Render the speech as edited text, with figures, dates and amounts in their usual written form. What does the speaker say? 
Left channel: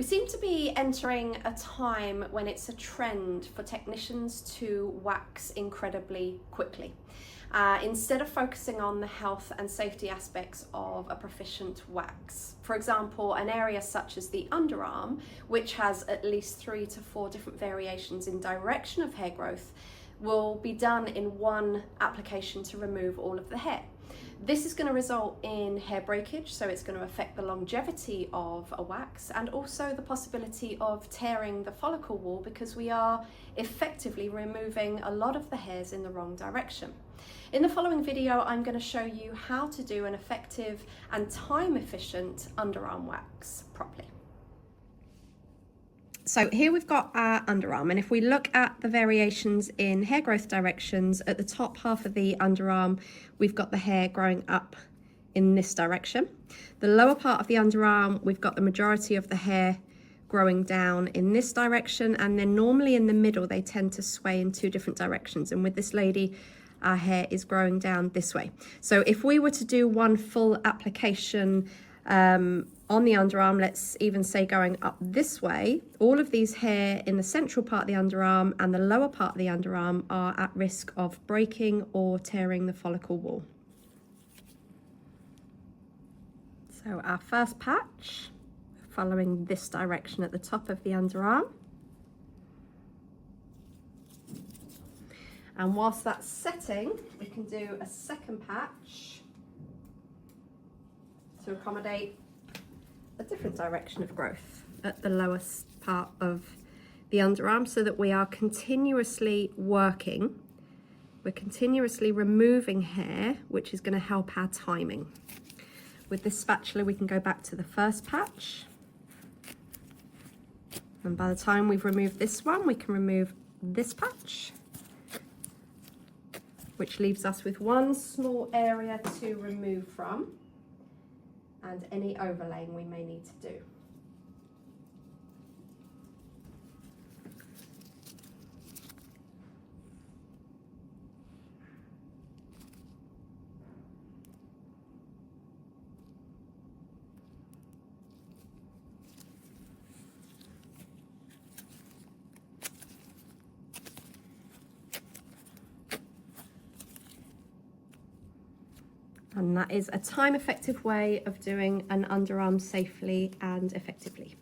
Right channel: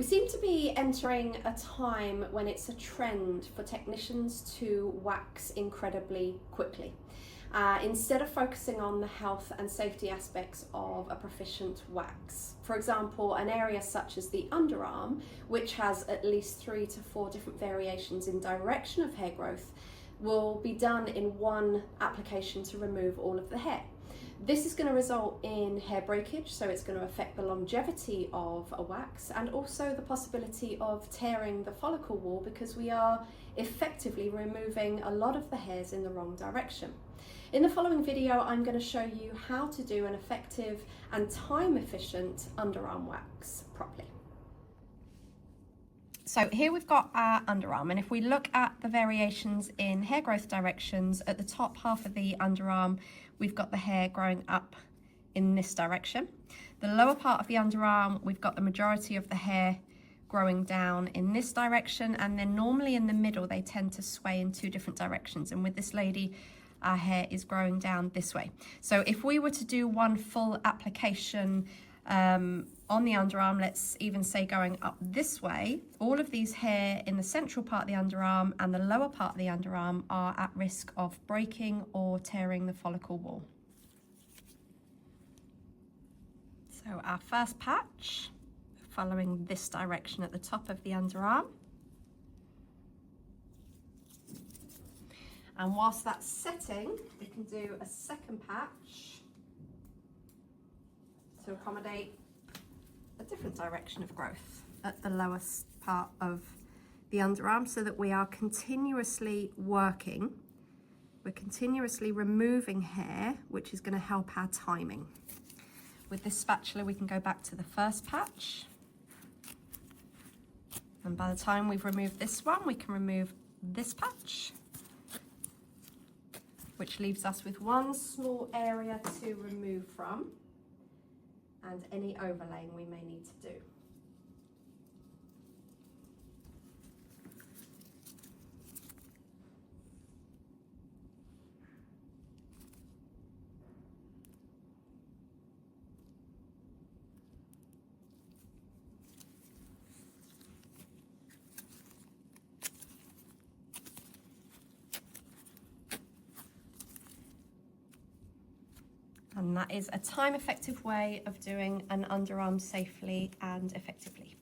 We seem to be entering a time when it's a trend for technicians to wax incredibly quickly. Instead of focusing on the health and safety aspects of a proficient wax. For example, an area such as the underarm, which has at least 3 to 4 different variations in direction of hair growth, will be done in one application to remove all of the hair. This is going to result in hair breakage, so it's going to affect the longevity of a wax and also the possibility of tearing the follicle wall, because we are effectively removing a lot of the hairs in the wrong direction. In the following video, I'm going to show you how to do an effective and time-efficient underarm wax properly. So here we've got our underarm, and if we look at the variations in hair growth directions, at the top half of the underarm, we've got the hair growing up in this direction. The lower part of the underarm, we've got the majority of the hair growing down in this direction, and then normally in the middle, they tend to sway in 2 different directions. And with this lady, our hair is growing down this way. So if we were to do one full application on the underarm, let's even say going up this way, all of these hair in the central part of the underarm and the lower part of the underarm are at risk of breaking or tearing the follicle wall. So our first patch, following this direction at the top of the underarm. And whilst that's setting, we can do a second patch to accommodate a different direction of growth at the lowest part of the underarm, so that we are continuously working. We're continuously removing hair, which is going to help our timing. With this spatula, we can go back to the first patch. And by the time we've removed this one, we can remove this patch, which leaves us with one small area to remove from and any overlaying we may need to do. And that is a time-effective way of doing an underarm safely and effectively.